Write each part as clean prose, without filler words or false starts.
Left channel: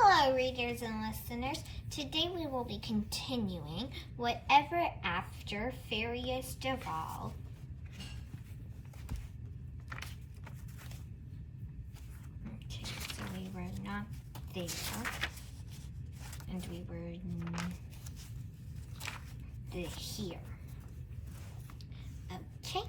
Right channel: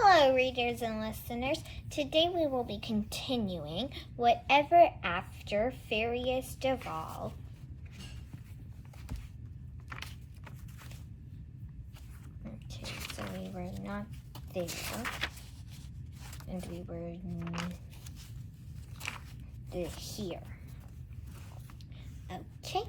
Hello, readers and listeners. Today we will be continuing Whatever After Fairies Devolve. Okay, so we were not there. And we were here. Okay,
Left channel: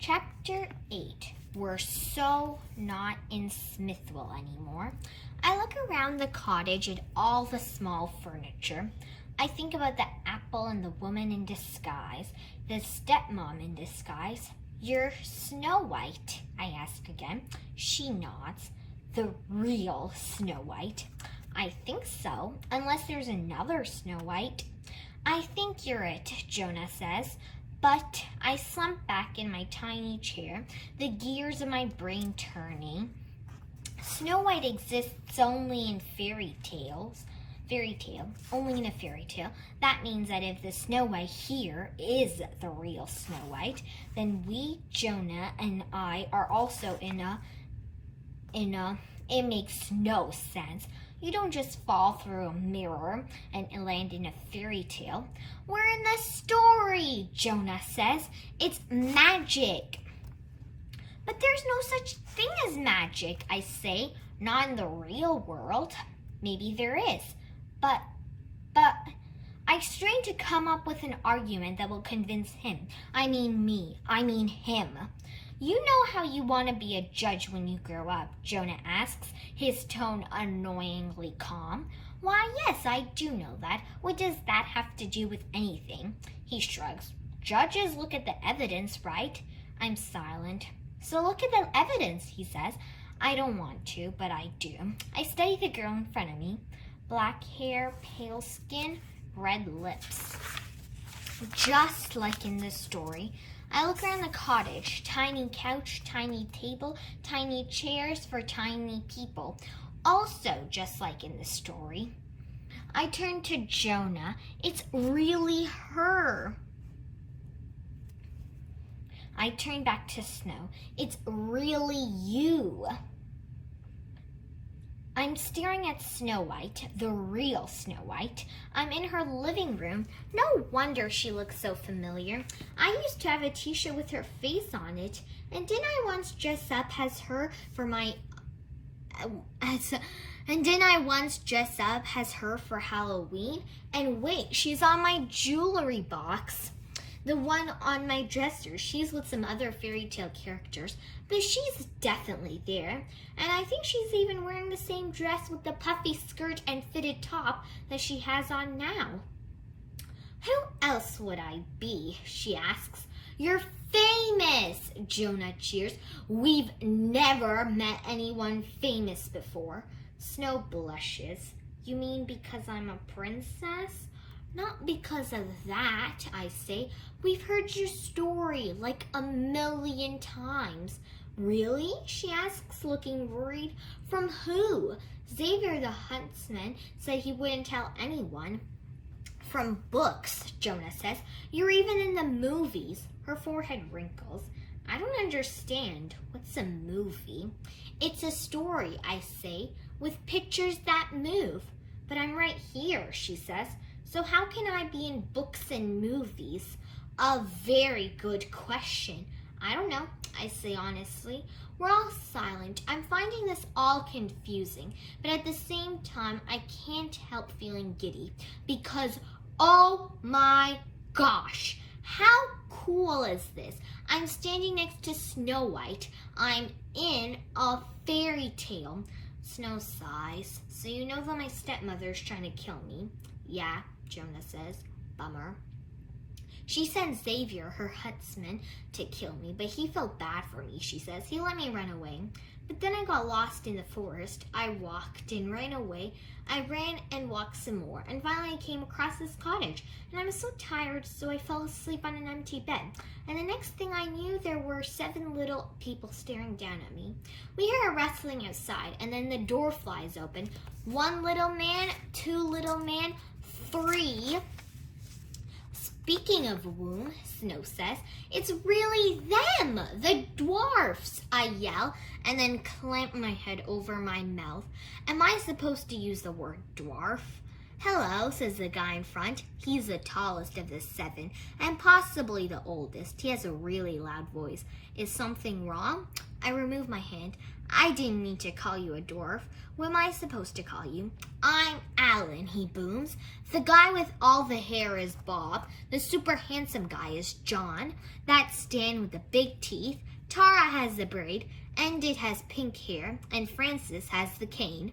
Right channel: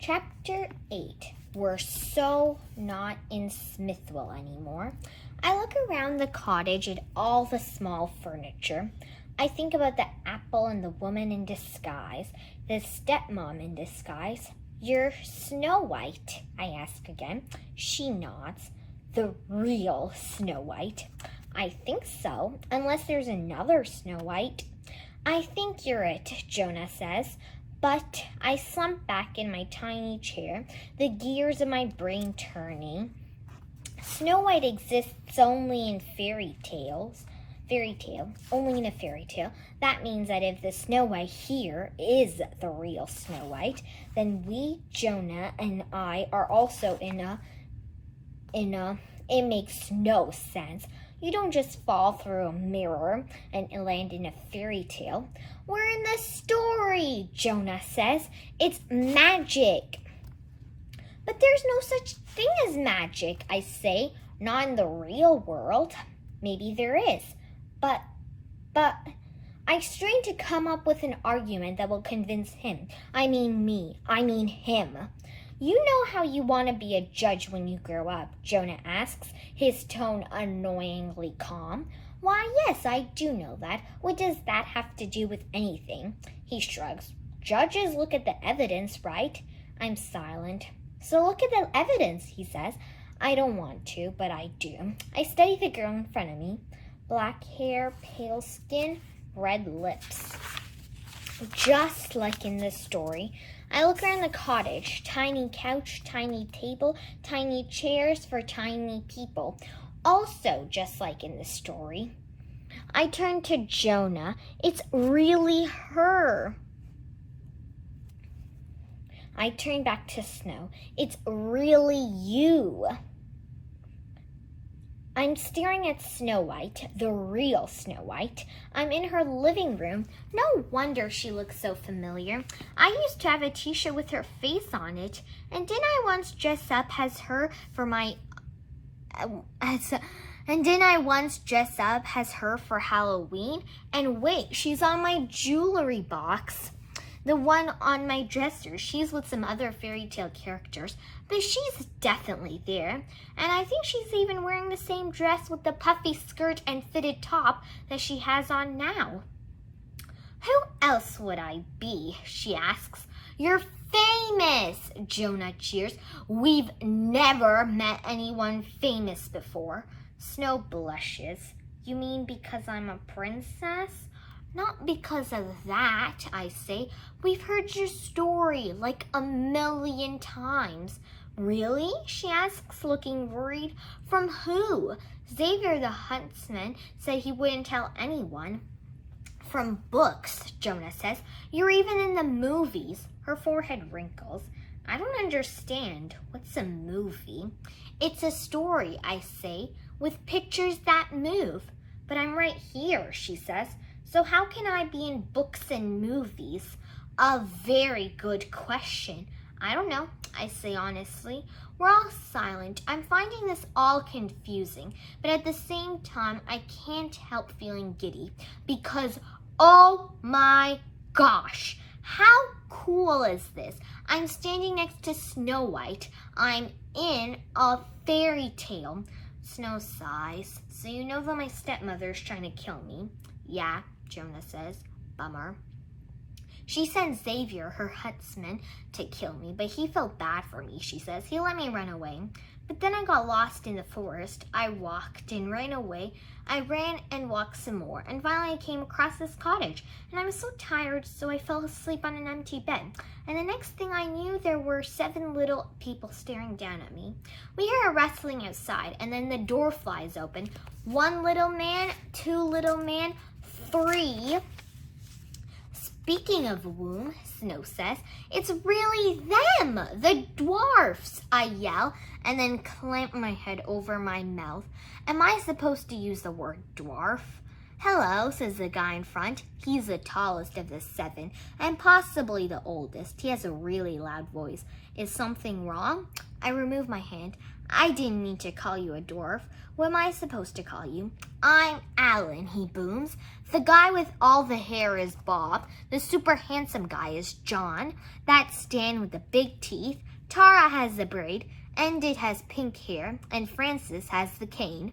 Chapter 8. We're so not in Smithville anymore. I look around the cottage at all the small furniture. I think about the apple and the woman in disguise, the stepmom in disguise. You're Snow White, I ask again. She nods. The real Snow White. I think so, unless there's another Snow White. I think you're it, Jonah says. But I slump back in my tiny chair, the gears of my brain turning. Snow White exists only in fairy tale, only in a fairy tale. That means that if the Snow White here is the real Snow White, then we, Jonah and I, are also in a, it makes no sense. You don't just fall through a mirror and land in a fairy tale. We're in the story, Jonah says. It's magic. But there's no such thing as magic, I say. Not in the real world. Maybe there is. But I strain to come up with an argument that will convince him. I mean me. I mean him. You know how you want to be a judge when you grow up, Jonah asks, his tone annoyingly calm. Why, yes, I do know that. What does that have to do with anything? He shrugs. Judges look at the evidence, right? I'm silent. So look at the evidence, he says. I don't want to, but I do. I study the girl in front of me. Black hair, pale skin, red lips. Just like in the story. I look around the cottage. Tiny couch, tiny table, tiny chairs for tiny people. Also just like in the story. I turn to Jonah. It's really her. I turn back to Snow. It's really you. I'm staring at Snow White, the real Snow White. I'm in her living room. No wonder she looks so familiar. I used to have a t-shirt with her face on it. And didn't I once dress up as her for my... And didn't I once dress up as her for Halloween? And wait, she's on my jewelry box. The one on my dresser. She's with some other fairy tale characters, but she's definitely there. And I think she's even wearing the same dress with the puffy skirt and fitted top that she has on now. Who else would I be? She asks. You're famous, Jonah cheers. We've never met anyone famous before. Snow blushes. You mean because I'm a princess? Not because of that, I say. We've heard your story like 1,000,000 times. Really? She asks, looking worried. From who? Xavier the huntsman said he wouldn't tell anyone. From books, Jonah says. You're even in the movies. Her forehead wrinkles. I don't understand. What's a movie? It's a story, I say, with pictures that move. But I'm right here, she says. So how can I be in books and movies? A very good question. I don't know, I say honestly. We're all silent. I'm finding this all confusing, but at the same time, I can't help feeling giddy because, oh my gosh, how cool is this? I'm standing next to Snow White. I'm in a fairy tale. Snow sighs. So you know that my stepmother's trying to kill me? Yeah, Jonah says. Bummer. She sent Xavier, her huntsman, to kill me, but he felt bad for me, she says. He let me run away. But then I got lost in the forest. I walked and ran away. I ran and walked some more, and finally I came across this cottage. And I was so tired, so I fell asleep on an empty bed. And the next thing I knew, there were 7 little people staring down at me. We hear a rustling outside, and then the door flies open. 1 little man, 2 little man, 3 Speaking of womb, Snow says, it's really them, the dwarfs, I yell, and then clamp my head over my mouth. Am I supposed to use the word dwarf? Hello, says the guy in front. He's the tallest of the 7 and possibly the oldest. He has a really loud voice. Is something wrong? I remove my hand. I didn't mean to call you a dwarf. What am I supposed to call you? I'm Alan, he booms. The guy with all the hair is Bob. The super handsome guy is John. That's Stan with the big teeth. Tara has the braid. Endit has pink hair. And Francis has the cane.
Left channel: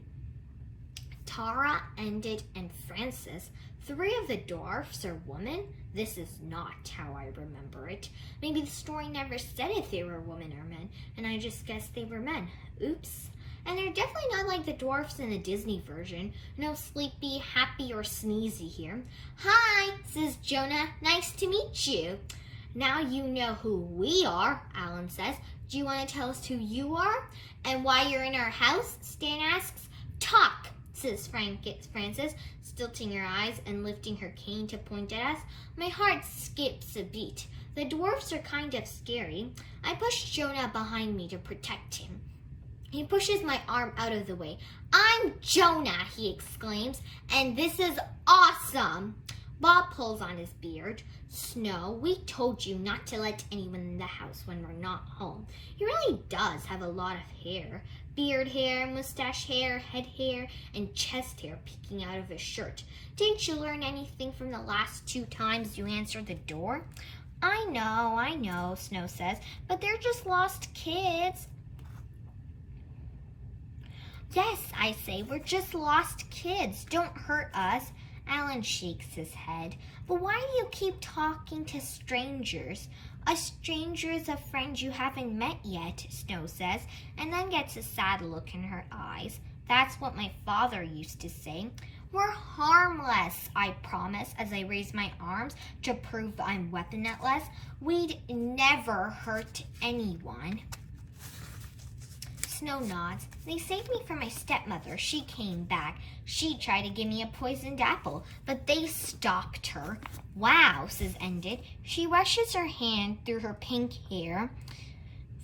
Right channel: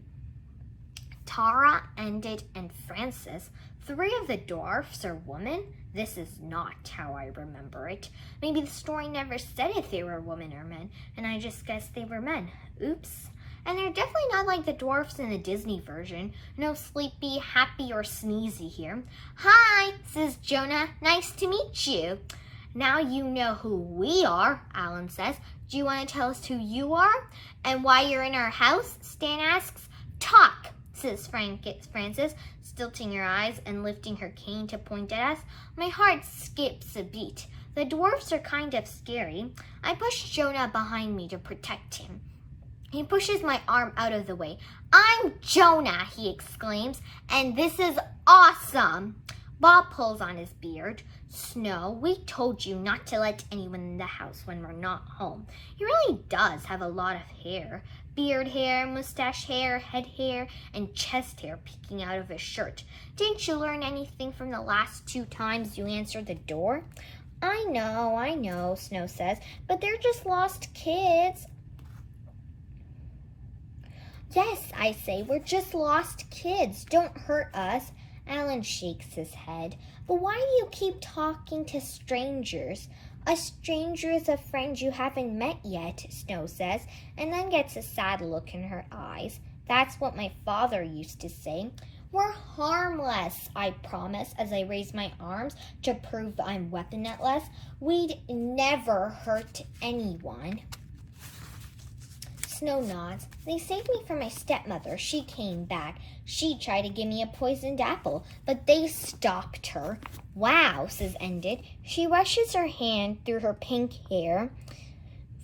Tara, Endit, and Francis, 3 of the dwarfs are women? This is not how I remember it. Maybe the story never said if they were women or men, and I just guessed they were men. Oops. And they're definitely not like the dwarfs in the Disney version. No sleepy, happy, or sneezy here. Hi, says Jonah. Nice to meet you. Now you know who we are, Alan says. Do you want to tell us who you are? And why you're in our house? Stan asks. Talk, says Francis, tilting her eyes and lifting her cane to point at us. My heart skips a beat. The dwarfs are kind of scary. I push Jonah behind me to protect him. He pushes my arm out of the way. I'm Jonah, he exclaims, and this is awesome. Bob pulls on his beard. Snow, we told you not to let anyone in the house when we're not home. He really does have a lot of hair. Beard hair, mustache hair, head hair, and chest hair peeking out of his shirt. Didn't you learn anything from the last 2 times you answered the door? I know, Snow says, but they're just lost kids. Yes, I say, we're just lost kids. Don't hurt us. Alan shakes his head. But why do you keep talking to strangers? A stranger is a friend you haven't met yet, Snow says, and then gets a sad look in her eyes. That's what my father used to say. We're harmless, I promise, as I raise my arms to prove I'm weaponless. We'd never hurt anyone. Snow nods. They saved me from my stepmother. She came back. She tried to give me a poisoned apple, but they stopped her. Wow, says Endit. She rushes her hand through her pink hair.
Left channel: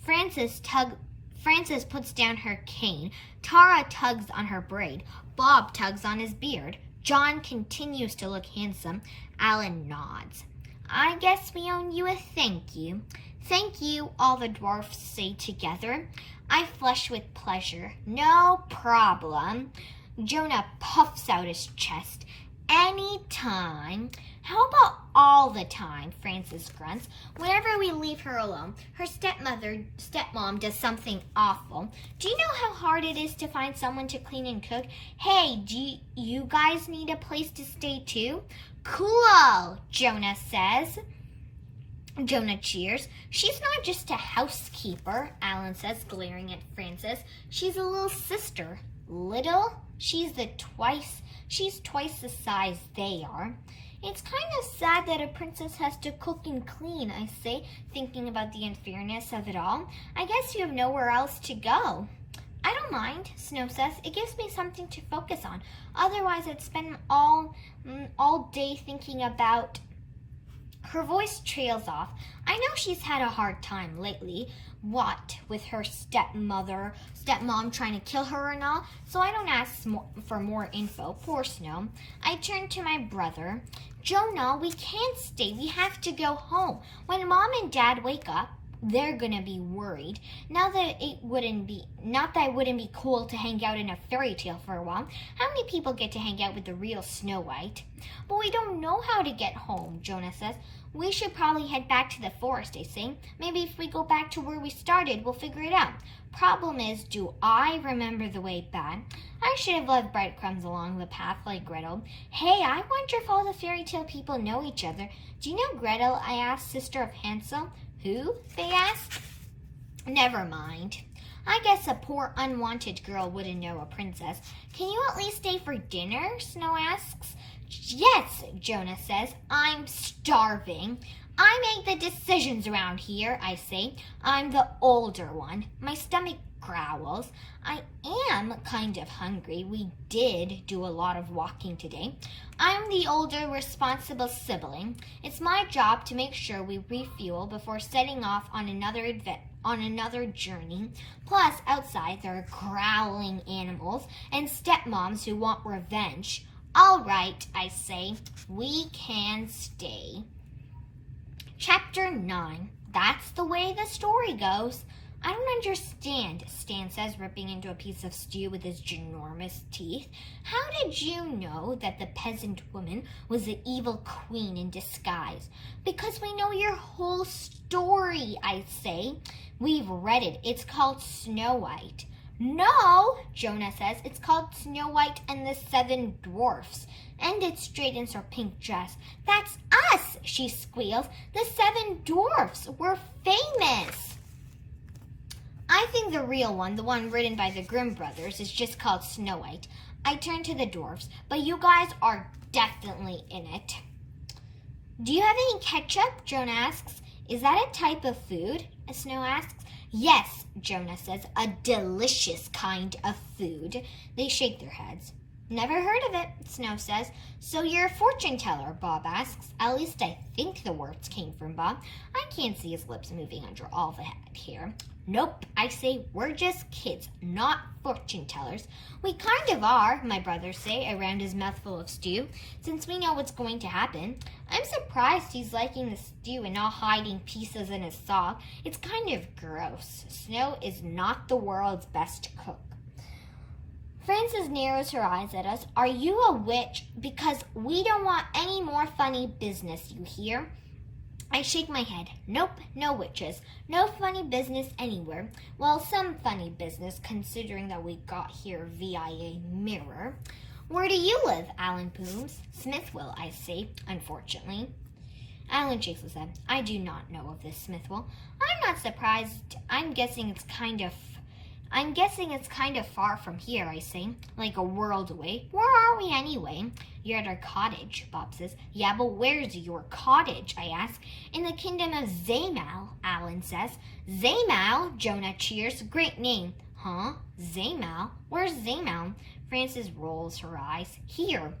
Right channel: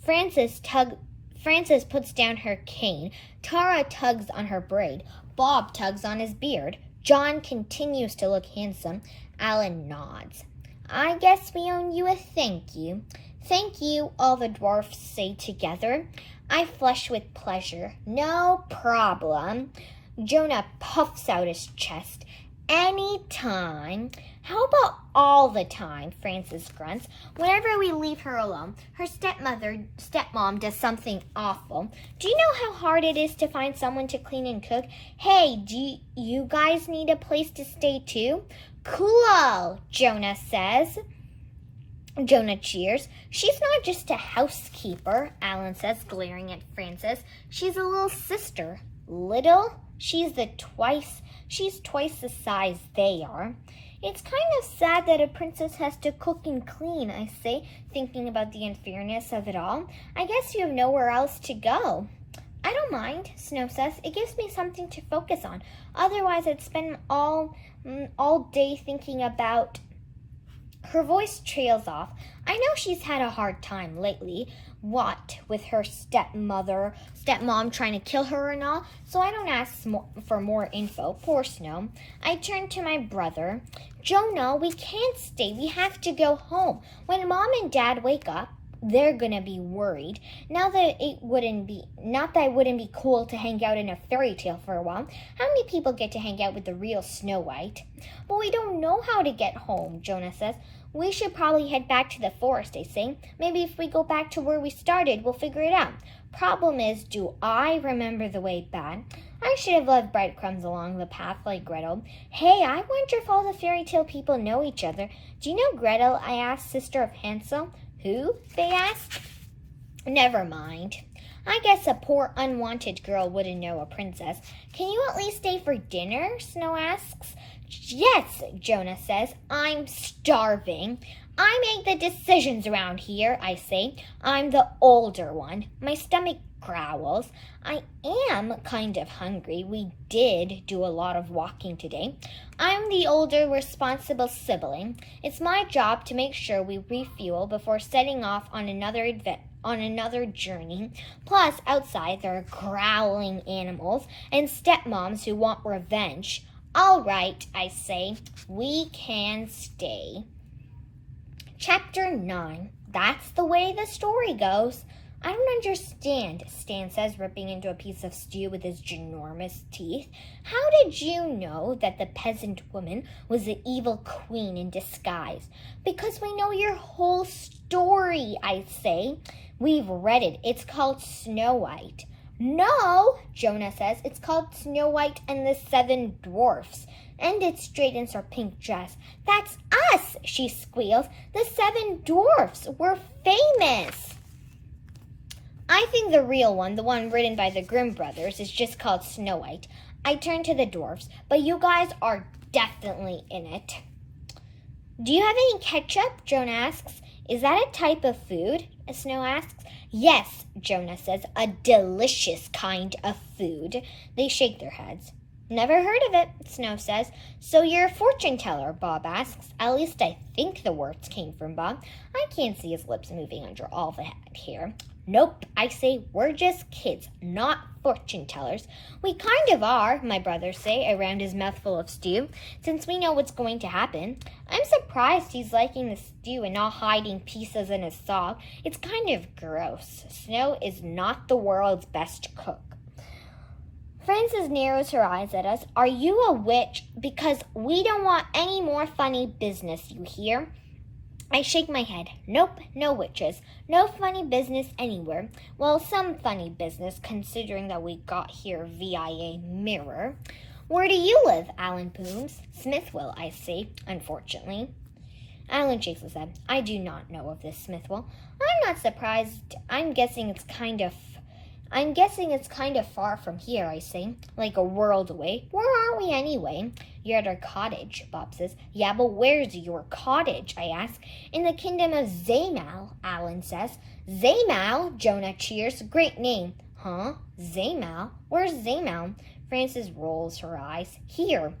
Francis puts down her cane. Tara tugs on her braid. Bob tugs on his beard. John continues to look handsome. Alan nods. I guess we owe you a thank you. Thank you, all the dwarfs say together. I flush with pleasure. No problem. Jonah puffs out his chest. Anytime. How about all the time, Francis grunts. Whenever we leave her alone, her stepmom does something awful. Do you know how hard it is to find someone to clean and cook? Hey, do you guys need a place to stay too? Cool, Jonah says. Jonah cheers. She's not just a housekeeper, Alan says, glaring at Francis. She's a little sister. Little? She's twice the size they are. It's kind of sad that a princess has to cook and clean, I say, thinking about the unfairness of it all. I guess you have nowhere else to go. I don't mind, Snow says. It gives me something to focus on. Otherwise, I'd spend all day thinking about... Her voice trails off. I know she's had a hard time lately, what with her stepmom trying to kill her and all, so I don't ask for more info. Poor Snow. I turn to my brother. Jonah, we can't stay. We have to go home. When Mom and Dad wake up, they're gonna be worried. Not that it wouldn't be cool to hang out in a fairy tale for a while. How many people get to hang out with the real Snow White? But we don't know how to get home, Jonah says. We should probably head back to the forest, I say. Maybe if we go back to where we started, we'll figure it out. Problem is, do I remember the way back? I should have left breadcrumbs along the path like Gretel. Hey, I wonder if all the fairy tale people know each other. Do you know Gretel? I asked, sister of Hansel. Who? They asked. Never mind. I guess a poor unwanted girl wouldn't know a princess. Can you at least stay for dinner? Snow asks. Yes, Jonah says. I'm starving. I make the decisions around here, I say. I'm the older one. My stomach growls. I am kind of hungry. We did do a lot of walking today. I'm the older, responsible sibling. It's my job to make sure we refuel before setting off on another journey. Plus, outside there are growling animals and stepmoms who want revenge. All right, I say, we can stay. Chapter 9. That's the way the story goes. I don't understand, Stan says, ripping into a piece of stew with his ginormous teeth. How did you know that the peasant woman was the evil queen in disguise? Because we know your whole story, I say. We've read it. It's called Snow White. No, Jonah says. It's called Snow White and the Seven Dwarfs. And it straightens her pink dress. That's us, she squeals. The Seven Dwarfs. We're famous. I think the real one, the one written by the Grimm brothers, is just called Snow White. I turn to the dwarfs, but you guys are definitely in it. Do you have any ketchup? Jonah asks. Is that a type of food? Snow asks. Yes, Jonah says, a delicious kind of food. They shake their heads. Never heard of it, Snow says. So you're a fortune teller, Bob asks. At least I think the words came from Bob. I can't see his lips moving under all the hair. Nope, I say we're just kids, not fortune tellers. We kind of are, my brothers say, around his mouthful of stew, since we know what's going to happen. I'm surprised he's liking the stew and not hiding pieces in his sock. It's kind of gross. Snow is not the world's best cook. Frances narrows her eyes at us. Are you a witch? Because we don't want any more funny business, you hear? I shake my head. Nope, no witches. No funny business anywhere. Well, some funny business, considering that we got here via a mirror. Where do you live? Alan booms. Smithville, I say, unfortunately. Alan shakes his head. I do not know of this Smithville. I'm not surprised. I'm guessing it's kind of far from here, I say, like a world away. Where are we anyway? You're at our cottage, Bob says. Yeah, but where's your cottage, I ask. In the kingdom of Zaymal, Alan says. Zaymal, Jonah cheers. Great name. Huh? Zaymal? Where's Zaymal? Frances rolls her eyes. Here.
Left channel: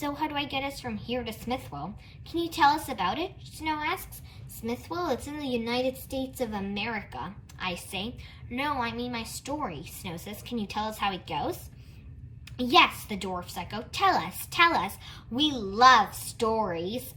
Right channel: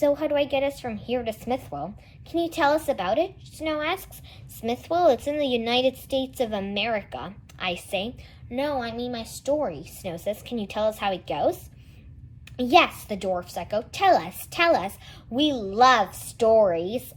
So how do I get us from here to Smithville? Can you tell us about it? Snow asks. Smithville? It's in the United States of America, I say. No, I mean my story, Snow says. Can you tell us how it goes? Yes, the dwarfs echo. Tell us. We love stories.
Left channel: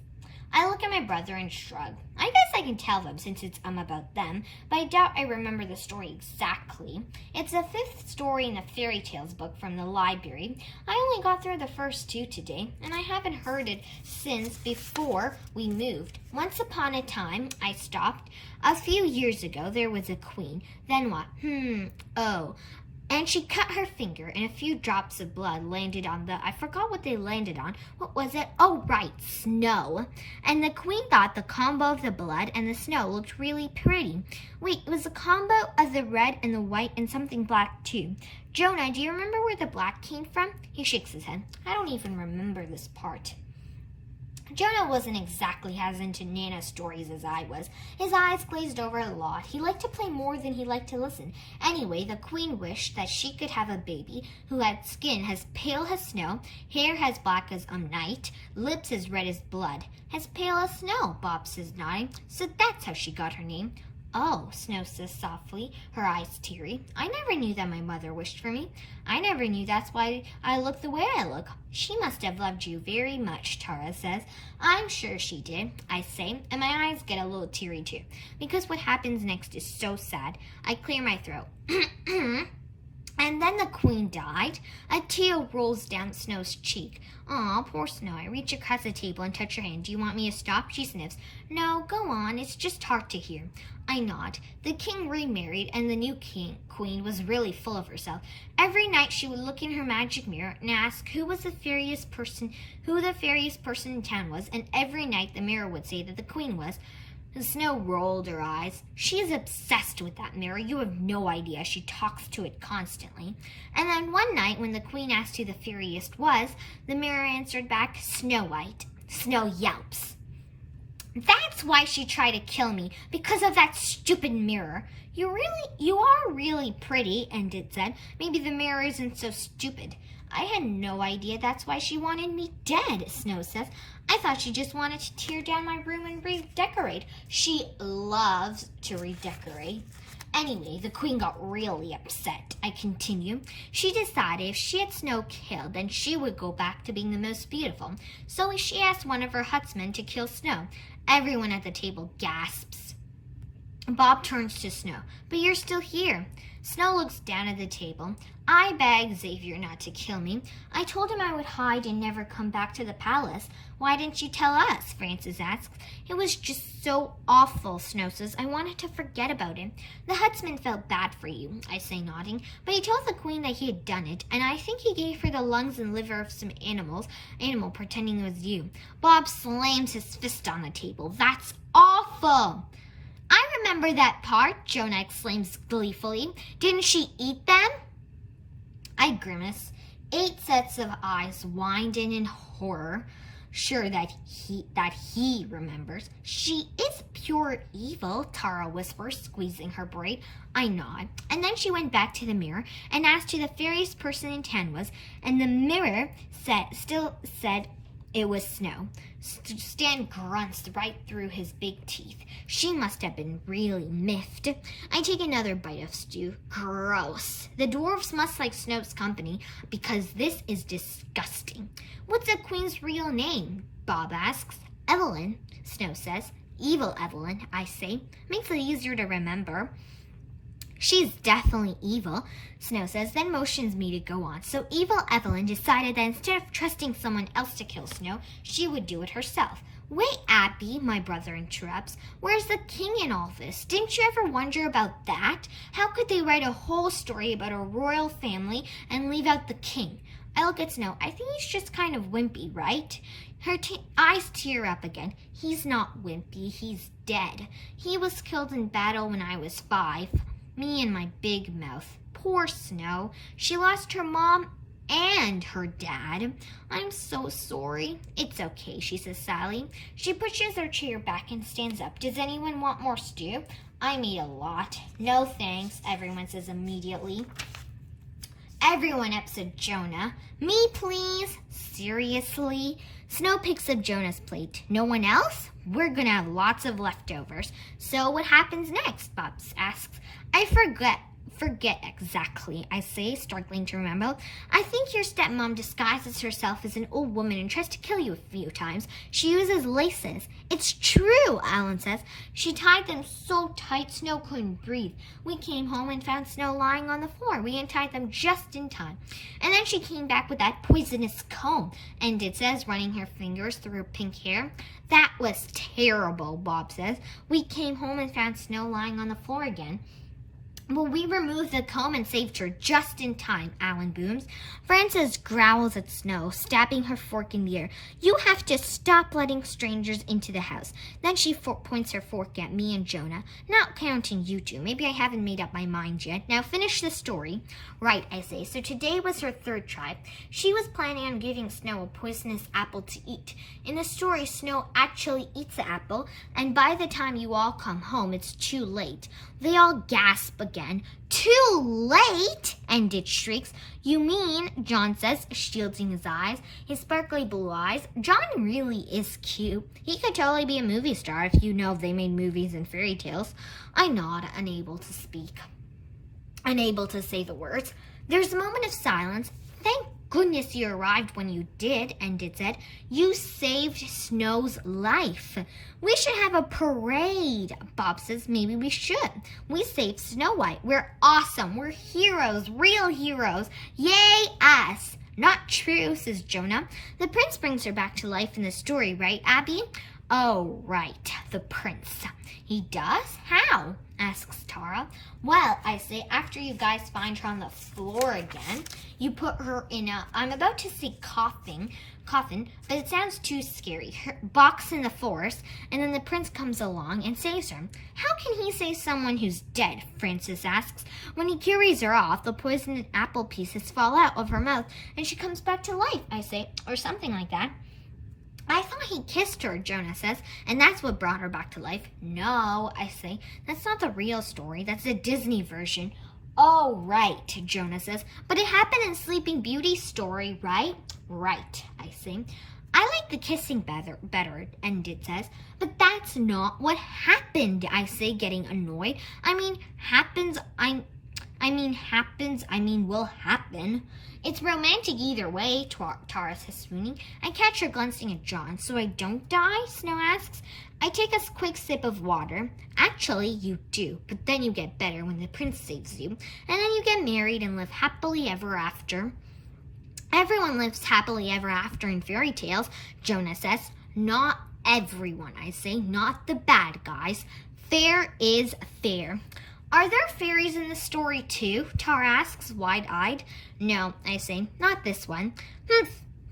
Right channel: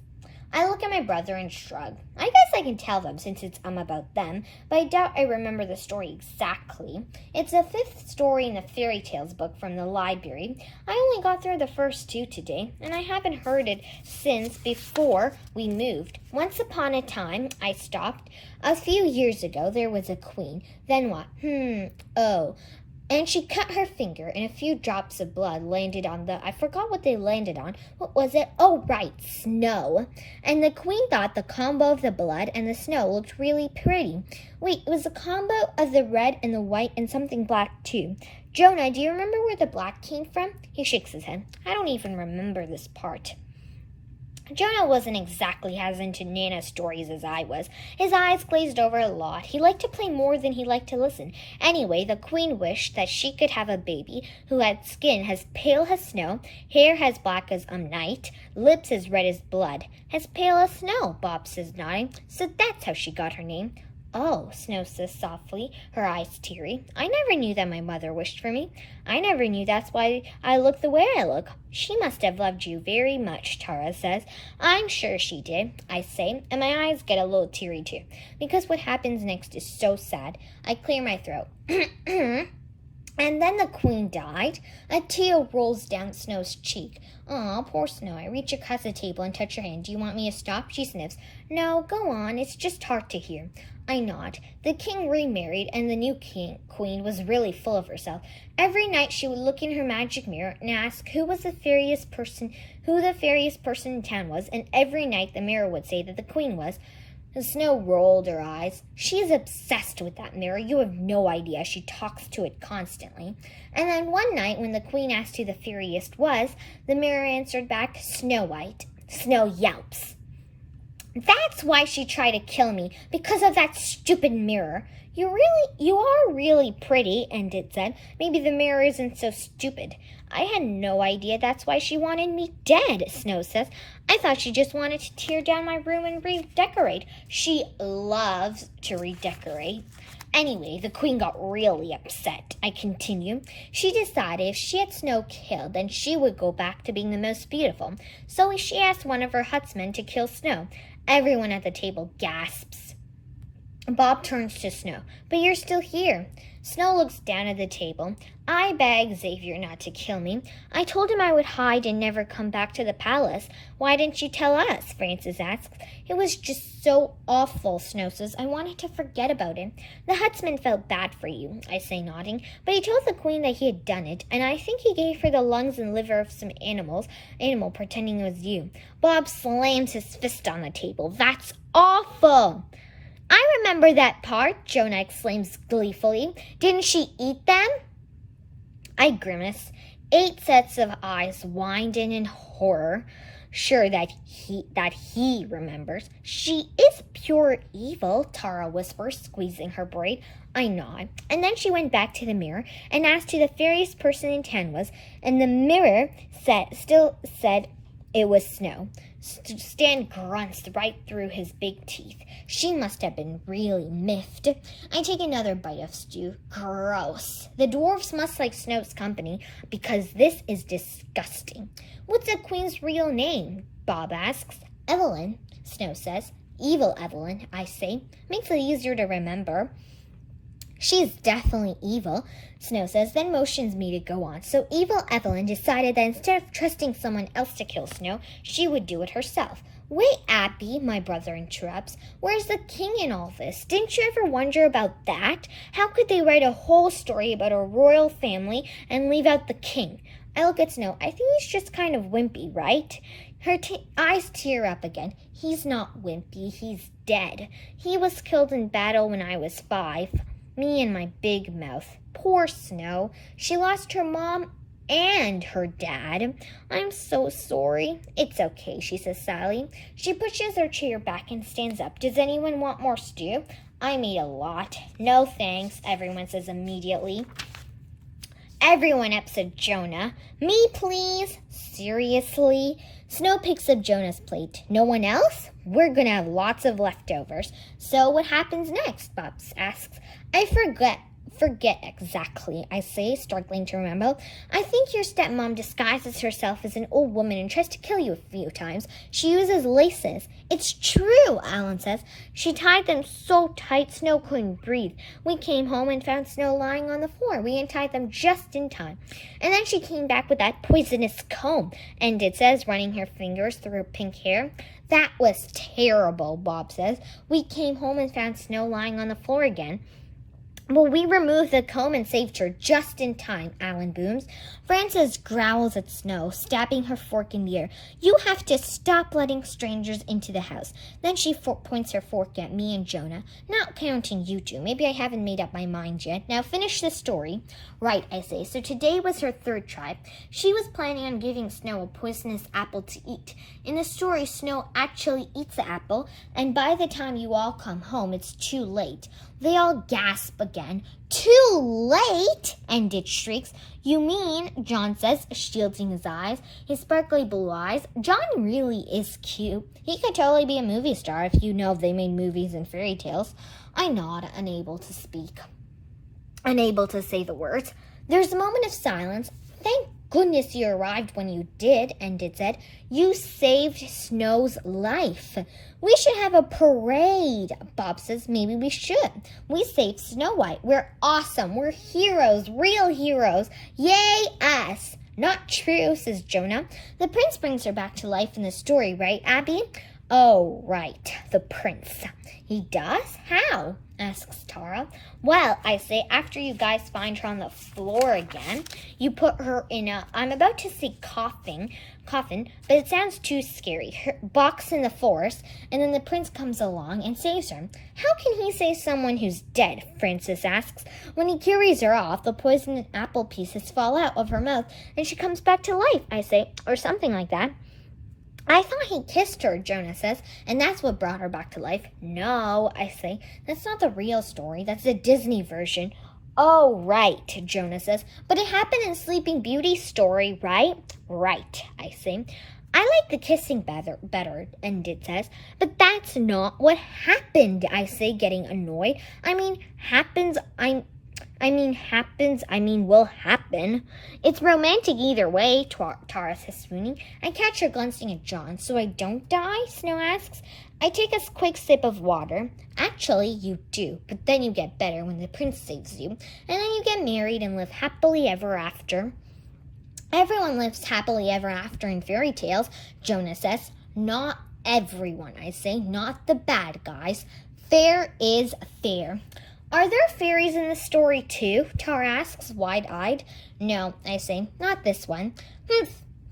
I look at my brother and shrug. I guess I can tell them since it's about them, but I doubt I remember the story exactly. It's the 5th story in the fairy tales book from the library. I only got through the first 2 today, and I haven't heard it since before we moved. Once upon a time, I stopped. A few years ago, there was a queen. Then what? And she cut her finger, and a few drops of blood landed on I forgot what they landed on. What was it? Oh, right, snow. And the queen thought the combo of the blood and the snow looked really pretty. Wait, it was a combo of the red and the white and something black, too. Jonah, do you remember where the black came from? He shakes his head. I don't even remember this part. Jonah wasn't exactly as into Nana stories as I was. His eyes glazed over a lot. He liked to play more than he liked to listen. Anyway, the queen wished that she could have a baby who had skin as pale as snow, hair as black as night, lips as red as blood. As pale as snow, Bob says, nodding. So that's how she got her name. Oh, Snow says softly, her eyes teary. I never knew that my mother wished for me. I never knew that's why I look the way I look. She must have loved you very much, Tara says. I'm sure she did, I say, and my eyes get a little teary too, because what happens next is so sad. I clear my throat. And then the queen died. A tear rolls down Snow's cheek. Aw, poor Snow. I reach across the table and touch her hand. Do you want me to stop? She sniffs. No, go on. It's just hard to hear. I nod. The king remarried, and the new queen was really full of herself. Every night she would look in her magic mirror and ask who the fairiest person in town was, and every night the mirror would say that the queen was. Snow rolled her eyes. She is obsessed with that mirror. You have no idea. She talks to it constantly. And then one night, when the queen asked who the fairiest was, the mirror answered back, Snow White. Snow yelps. That's why she tried to kill me, because of that stupid mirror. You are really pretty, Enid said. Maybe the mirror isn't so stupid. I had no idea that's why she wanted me dead, Snow says. I thought she just wanted to tear down my room and redecorate. She loves to redecorate. Anyway, the queen got really upset. I continue. She decided if she had Snow killed, then she would go back to being the most beautiful. So she asked one of her huntsmen to kill Snow. Everyone at the table gasps. Bob turns to Snow. But you're still here. Snow looks down at the table. I begged Xavier not to kill me. I told him I would hide and never come back to the palace. Why didn't you tell us? Francis asks. It was just so awful, Snow says. I wanted to forget about it. The huntsman felt bad for you, I say, nodding. But he told the queen that he had done it, and I think he gave her the lungs and liver of some animal pretending it was you. Bob slams his fist on the table. That's awful. I remember that part, Jonah exclaims gleefully. Didn't she eat them? I grimace. 8 sets of eyes widen in horror, sure that he remembers. She is pure evil, Tara whispers, squeezing her braid. I nod. And then she went back to the mirror and asked who the fairiest person in town was, and the mirror still said it was Snow. Stan grunts right through his big teeth. She must have been really miffed. I take another bite of stew. Gross. The dwarves must like Snow's company because this is disgusting. What's the queen's real name? Bob asks. Evelyn, Snow says. Evil Evelyn, I say. Makes it easier to remember. She's definitely evil, Snow says, then motions me to go on. So evil Evelyn decided that instead of trusting someone else to kill Snow, she would do it herself. Wait, Abby, my brother interrupts. Where's the king in all this? Didn't you ever wonder about that? How could they write a whole story about a royal family and leave out the king? I look at Snow. I think he's just kind of wimpy, right? Her eyes tear up again. He's not wimpy. He's dead. He was killed in battle when I was 5. Me and my big mouth. Poor Snow. She lost her mom and her dad. I'm so sorry. It's okay, she says sadly. She pushes her chair back and stands up. Does anyone want more stew? I made a lot. No thanks, everyone says immediately. Everyone except Jonah. Me, please. Seriously? Snow picks up Jonah's plate. No one else? We're gonna have lots of leftovers. So what happens next? Bob asks. I forget exactly, I say, struggling to remember. I think your stepmom disguises herself as an old woman and tries to kill you a few times. She uses laces. It's true, Alan says. She tied them so tight Snow couldn't breathe. We came home and found Snow lying on the floor. We untied them just in time. And then she came back with that poisonous comb, and it says, running her fingers through her pink hair. That was terrible, Bob says. We came home and found Snow lying on the floor again. Well, we removed the comb and saved her just in time, Alan booms. Frances growls at Snow, stabbing her fork in the air. You have to stop letting strangers into the house. Then she points her fork at me and Jonah, not counting you two. Maybe I haven't made up my mind yet. Now finish the story. Right, I say. So today was her 3rd try. She was planning on giving Snow a poisonous apple to eat. In the story, Snow actually eats the apple, and by the time you all come home, it's too late. They all gasp again. Too late? And it shrieks. You mean, John says, shielding his eyes, his sparkly blue eyes. John really is cute. He could totally be a movie star if you know they made movies and fairy tales. I nod, unable to speak, unable to say the words. There's a moment of silence. Thank goodness you arrived when you did, Enid said. You saved Snow's life. We should have a parade, Bob says. Maybe we should. We saved Snow White. We're awesome. We're heroes, real heroes. Yay, us. Not true, says Jonah. The prince brings her back to life in the story, right, Abby? Oh, right, the prince. He does? How? Asks Tara. Well, I say, after you guys find her on the floor again, you put her in a, I'm about to say coffin, but it sounds too scary, her box in the forest, and then the prince comes along and saves her. How can he save someone who's dead? Frances asks. When he carries her off, the poisoned apple pieces fall out of her mouth, and she comes back to life, I say, or something like that. I thought he kissed her, Jonah says, and that's what brought her back to life. No, I say, that's not the real story. That's the Disney version. Oh, right, Jonah says, but it happened in Sleeping Beauty's story, right? Right, I say. I like the kissing better, and it says, but that's not what happened, I say, getting annoyed. Will happen. It's romantic either way, Tara says, swooning. I catch her glancing at John. So I don't die? Snow asks. I take a quick sip of water. Actually, you do, but then you get better when the prince saves you, and then you get married and live happily ever after. Everyone lives happily ever after in fairy tales, Jonah says. Not everyone, I say, not the bad guys. Fair is fair. Are there fairies in the story too? Tara asks, wide-eyed. No, I say, not this one.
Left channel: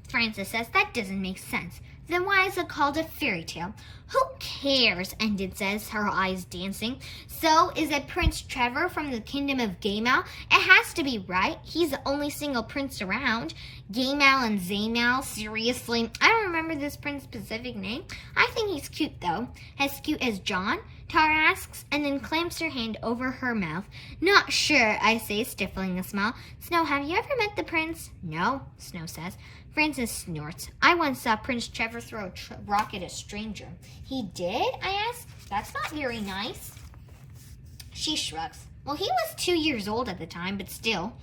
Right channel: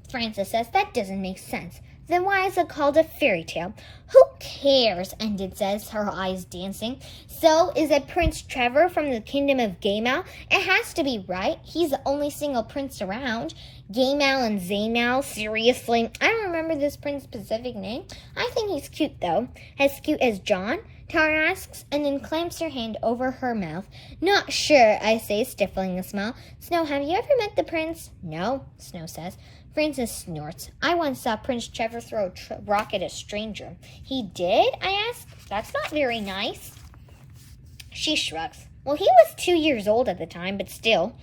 Frances says, that doesn't make sense. Then why is it called a fairy tale? Who cares? Enid says, her eyes dancing. So, is it Prince Trevor from the Kingdom of Gaymal? It has to be, right? He's the only single prince around. Gaymal and Zaymal, seriously? I don't remember this prince's specific name. I think he's cute, though. As cute as John? Tara asks, and then clamps her hand over her mouth. Not sure, I say, stifling a smile. Snow, have you ever met the prince? No, Snow says. Frances snorts. I once saw Prince Trevor throw a rock at a stranger. He did? I ask. That's not very nice. She shrugs. Well, he was 2 years old at the time, but still.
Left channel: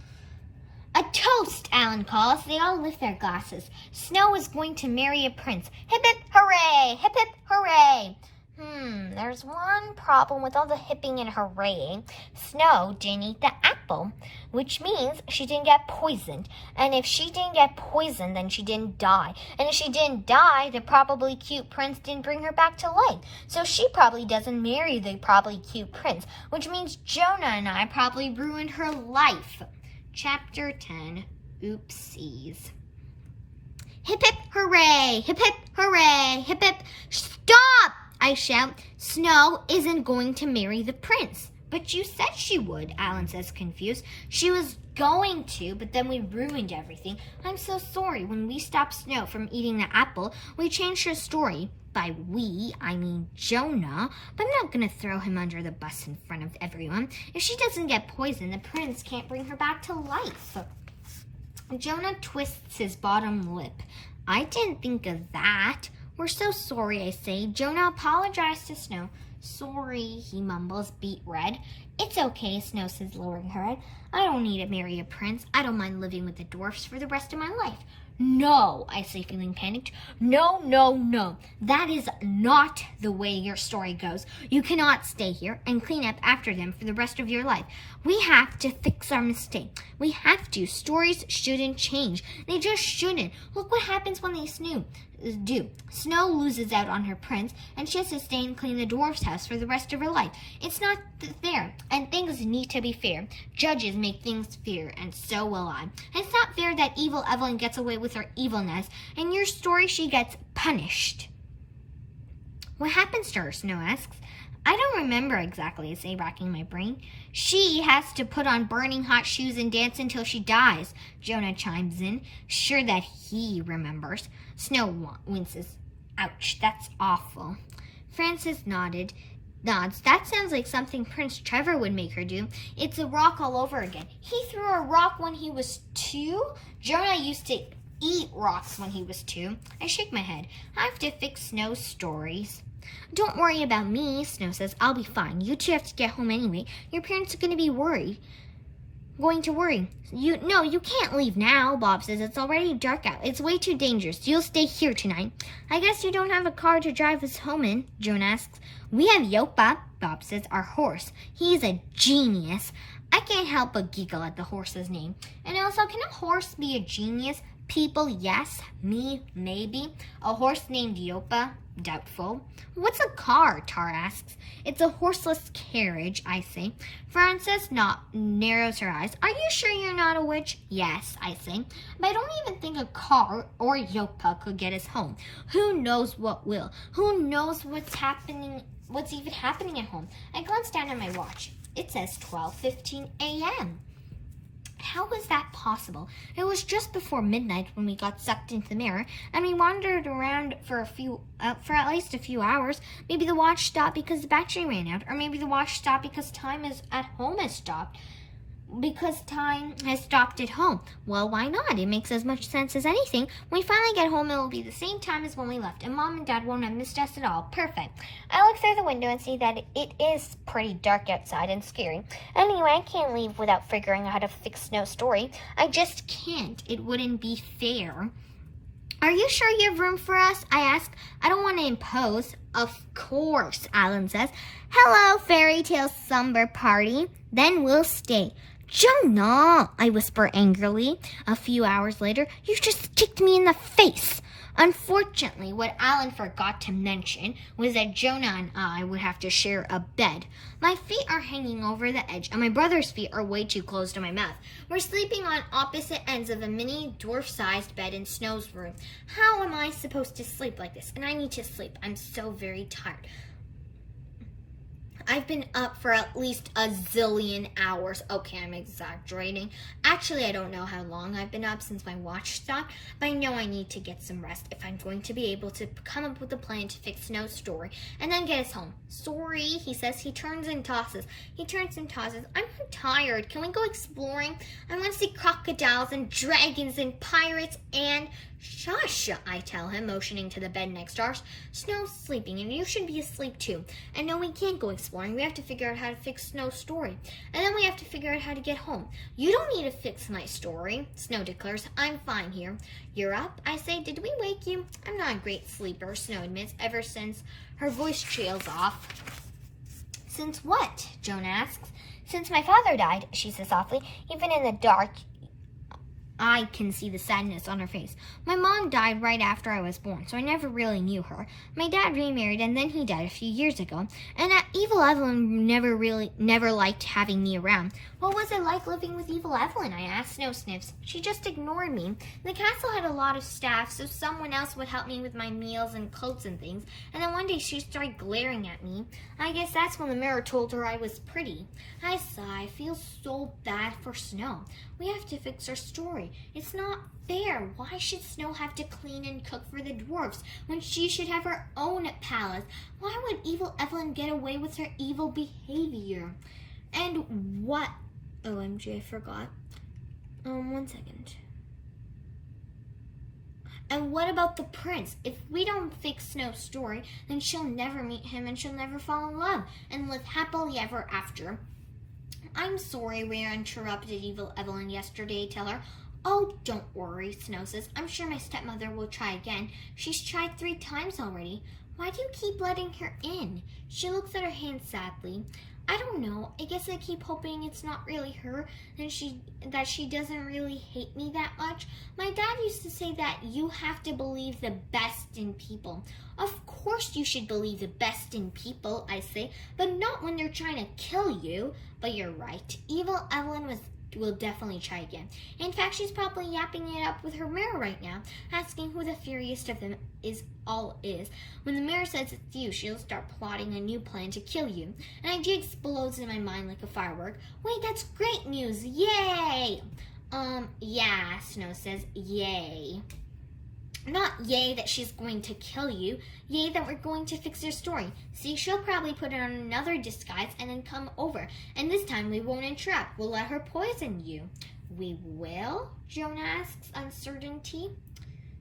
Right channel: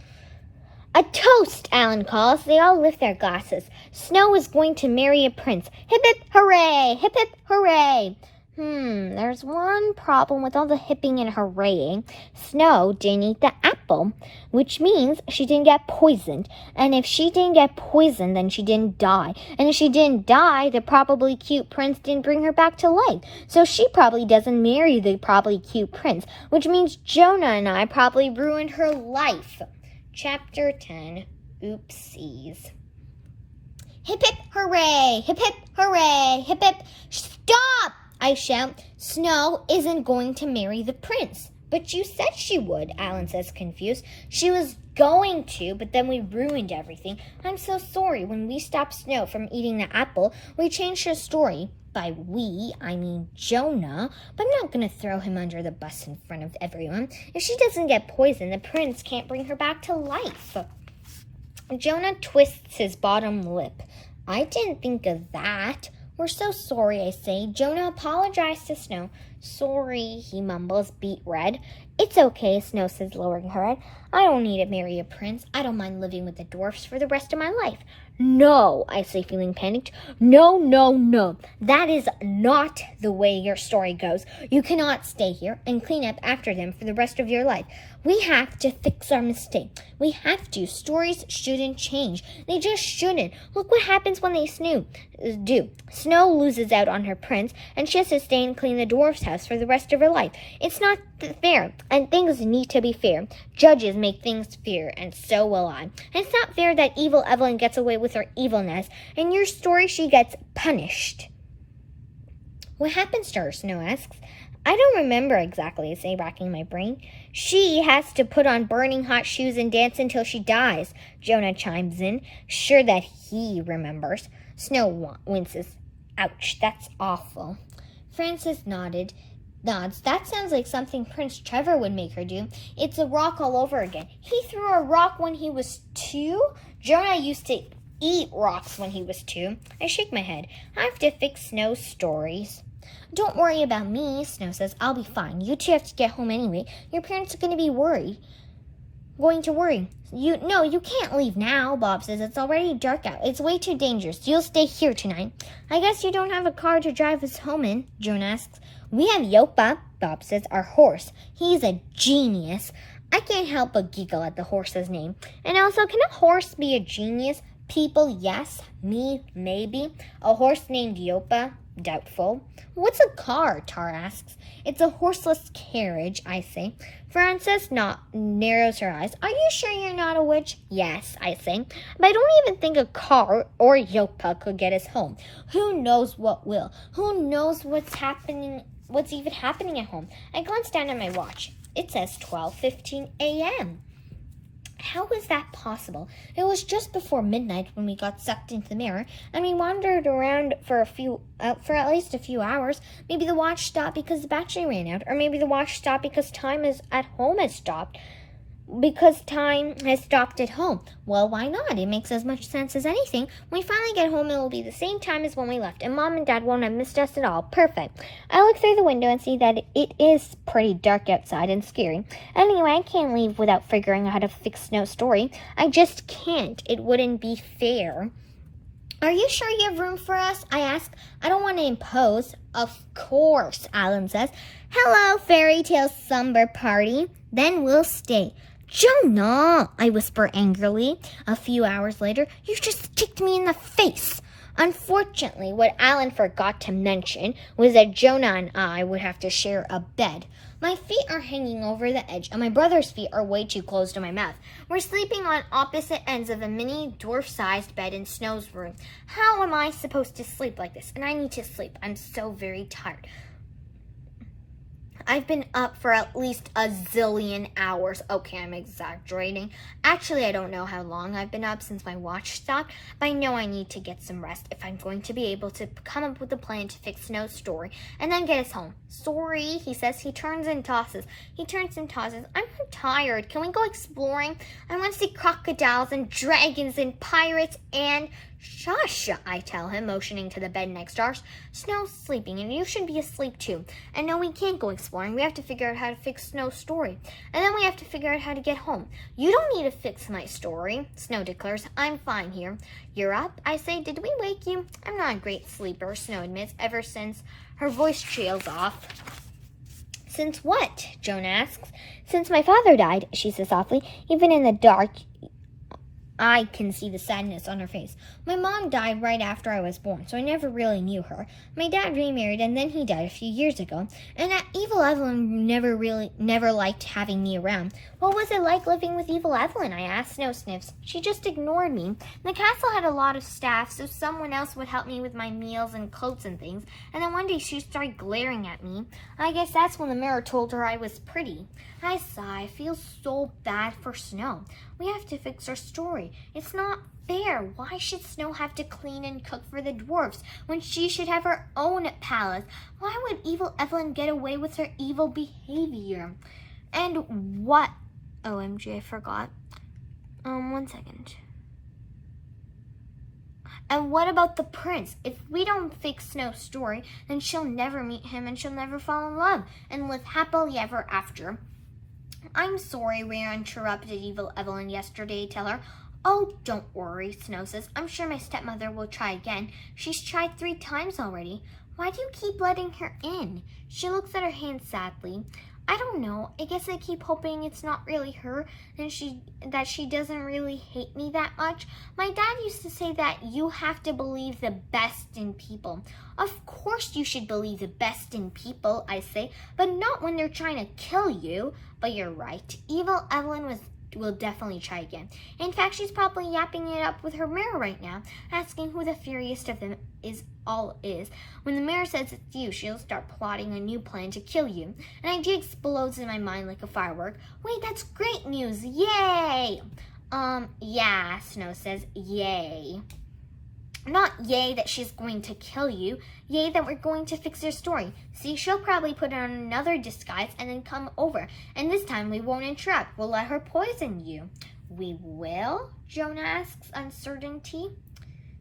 A toast, Alan calls. They all lift their glasses. Snow is going to marry a prince. Hip hip hooray! Hip hip hooray! There's one problem with all the hipping and hooraying. Snow didn't eat the apple, which means she didn't get poisoned. And if she didn't get poisoned, then she didn't die. And if she didn't die, the probably cute prince didn't bring her back to life. So she probably doesn't marry the probably cute prince, which means Jonah and I probably ruined her life. Chapter 10, Oopsies. Hip hip hooray! Hip hip hooray! Hip hip, stop! I shout. Snow isn't going to marry the prince. But you said she would, Alan says, confused. She was going to, but then we ruined everything. I'm so sorry. When we stopped Snow from eating the apple, we changed her story. By we, I mean Jonah. But I'm not going to throw him under the bus in front of everyone. If she doesn't get poisoned, the prince can't bring her back to life. Jonah twists his bottom lip. I didn't think of that. We're so sorry, I say. Jonah apologized to Snow. Sorry, he mumbles, beet red. It's okay, Snow says, lowering her head. I don't need to marry a prince. I don't mind living with the dwarfs for the rest of my life. No, I say, feeling panicked. No, no, no. That is not the way your story goes. You cannot stay here and clean up after them for the rest of your life. We have to fix our mistake. We have to. Stories shouldn't change. They just shouldn't. Look what happens when they do. Snow loses out on her prince, and she has to stay and clean the dwarf's house for the rest of her life. It's not fair, and things need to be fair. Judges make things fair, and so will I. And it's not fair that evil Evelyn gets away with her evilness. In your story, she gets punished. What happens to her? Snow asks. I don't remember exactly, I say, racking my brain. She has to put on burning hot shoes and dance until she dies, Jonah chimes in, sure that he remembers. Snow winces. Ouch, that's awful. Frances nods. That sounds like something Prince Trevor would make her do. It's a rock all over again. He threw a rock when he was 2? Jonah used to eat rocks when he was 2. I shake my head. I have to fix Snow's stories. Don't worry about me, Snow says. I'll be fine. You two have to get home anyway. Your parents are going to worry. You can't leave now, Bob says. It's already dark out. It's way too dangerous. You'll stay here tonight. I guess you don't have a car to drive us home in, Joan asks. We have Yopa, Bob says, our horse. He's a genius. I can't help but giggle at the horse's name. And also, can a horse be a genius? People, yes. Me, maybe. A horse named Yopa? Doubtful. What's a car? Tar asks. It's a horseless carriage, I say. Frances narrows her eyes. Are you sure you're not a witch? Yes, I say. But I don't even think a car or Yopa could get us home. Who knows what will? Who knows what's even happening at home? I glance down at my watch. It says 12:15 a.m. How was that possible? It was just before midnight when we got sucked into the mirror, and we wandered around for at least a few hours. Maybe the watch stopped because the battery ran out, or maybe the watch stopped because time is at home has stopped. Because time has stopped at home. Well, why not? It makes as much sense as anything. When we finally get home, it will be the same time as when we left, and Mom and Dad won't have missed us at all. Perfect. I look through the window and see that it is pretty dark outside and scary. Anyway, I can't leave without figuring out how to fix Snow's story. I just can't. It wouldn't be fair. Are you sure you have room for us? I ask. I don't want to impose. Of course, Alan says. Hello, fairy tale slumber party. Then we'll stay. Jonah, I whisper angrily. A few hours later, you just kicked me in the face. Unfortunately, what Alan forgot to mention was that Jonah and I would have to share a bed. My feet are hanging over the edge, and my brother's feet are way too close to my mouth. We're sleeping on opposite ends of a mini dwarf-sized bed in Snow's room. How am I supposed to sleep like this? And I need to sleep. I'm so very tired. I've been up for at least a zillion hours. Okay, I'm exaggerating. Actually, I don't know how long I've been up since my watch stopped, but I know I need to get some rest if I'm going to be able to come up with a plan to fix Snow's story and then get us home. Sorry, he says. He turns and tosses. I'm tired. Can we go exploring? I want to see crocodiles and dragons and pirates and... Shush, I tell him, motioning to the bed next to ours. Snow's sleeping, and you should be asleep too. And no, we can't go exploring. We have to figure out how to fix Snow's story. And then we have to figure out how to get home. You don't need to fix my story, Snow declares. I'm fine here. You're up? I say, did we wake you? I'm not a great sleeper, Snow admits, ever since her voice trails off. Since what? Jonah asks. Since my father died, she says softly. Even in the dark, I can see the sadness on her face. My mom died right after I was born, so I never really knew her. My dad remarried, and then he died a few years ago. And Evil Evelyn never liked having me around. What was it like living with Evil Evelyn? I asked. Snow sniffs. She just ignored me. The castle had a lot of staff, so someone else would help me with my meals and coats and things. And then one day she started glaring at me. I guess that's when the mirror told her I was pretty. I sigh. I feel so bad for Snow. We have to fix her story. It's not fair. Why should Snow have to clean and cook for the dwarfs when she should have her own palace? Why would Evil Evelyn get away with her evil behavior? And what? OMG, I forgot. One second. And what about the prince? If we don't fix Snow's story, then she'll never meet him and she'll never fall in love and live happily ever after. I'm sorry we interrupted Evil Evelyn yesterday, tell her. Oh, don't worry, Snow says. I'm sure my stepmother will try again. She's tried 3 times already. Why do you keep letting her in? She looks at her hand sadly. I don't know. I guess I keep hoping it's not really her and that she doesn't really hate me that much. My dad used to say that you have to believe the best in people. Of course you should believe the best in people, I say, but not when they're trying to kill you. But you're right. Evil Evelyn will definitely try again. In fact, she's probably yapping it up with her mirror right now, asking who the furious of them is. When the mirror says it's you, she'll start plotting a new plan to kill you. An idea explodes in my mind like a firework. Wait, that's great news! Yay! Yeah, Snow says, yay. Not yay that she's going to kill you, yay that we're going to fix her story. See, she'll probably put on another disguise and then come over. And this time we won't interrupt. We'll let her poison you. We will? Jonah asks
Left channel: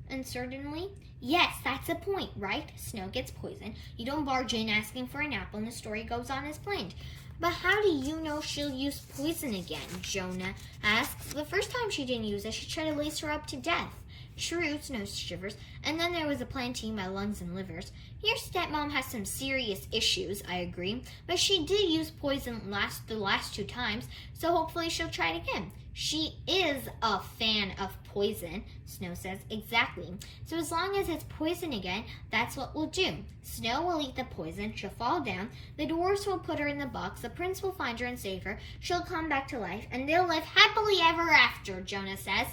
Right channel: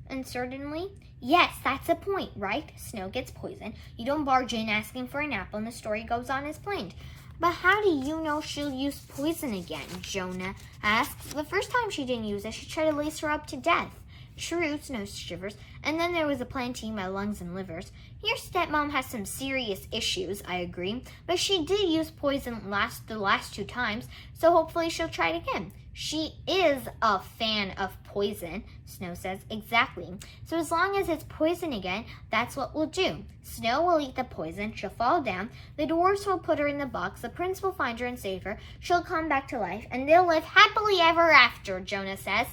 uncertainly. Yes, that's the point, right? Snow gets poisoned. You don't barge in asking for an apple and the story goes on as planned. But how do you know she'll use poison again? Jonah asks. The first time she didn't use it, she tried to lace her up to death. True, Snow shivers. And then there was a plan to eat my lungs and livers. Your stepmom has some serious issues, I agree. But she did use poison the last 2 times, so hopefully she'll try it again. She is a fan of poison, Snow says. Exactly. So as long as it's poison again, that's what we'll do. Snow will eat the poison, she'll fall down, the dwarves will put her in the box, the prince will find her and save her, she'll come back to life, and they'll live happily ever after, Jonah says.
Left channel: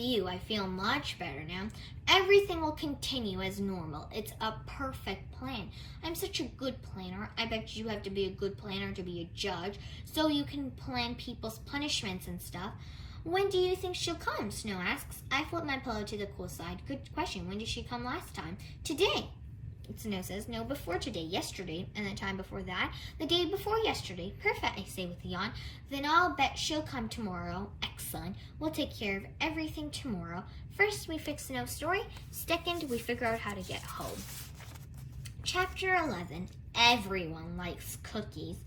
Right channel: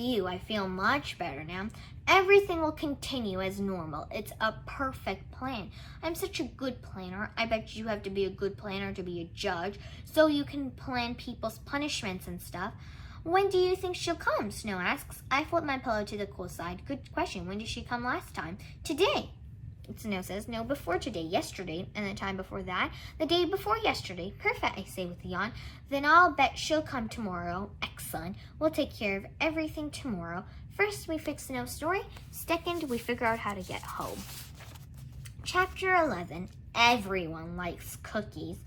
Phew, I feel much better now. Everything will continue as normal. It's a perfect plan. I'm such a good planner. I bet you have to be a good planner to be a judge, so you can plan people's punishments and stuff. When do you think she'll come? Snow asks. I flip my pillow to the cool side. Good question. When did she come last time? Today. Snow says. No, before today. Yesterday. And the time before that. The day before yesterday. Perfect, I say with a yawn. Then I'll bet she'll come tomorrow. Excellent. We'll take care of everything tomorrow. First, we fix Snow's story. Second, we figure out how to get home. Chapter 11. Everyone likes cookies.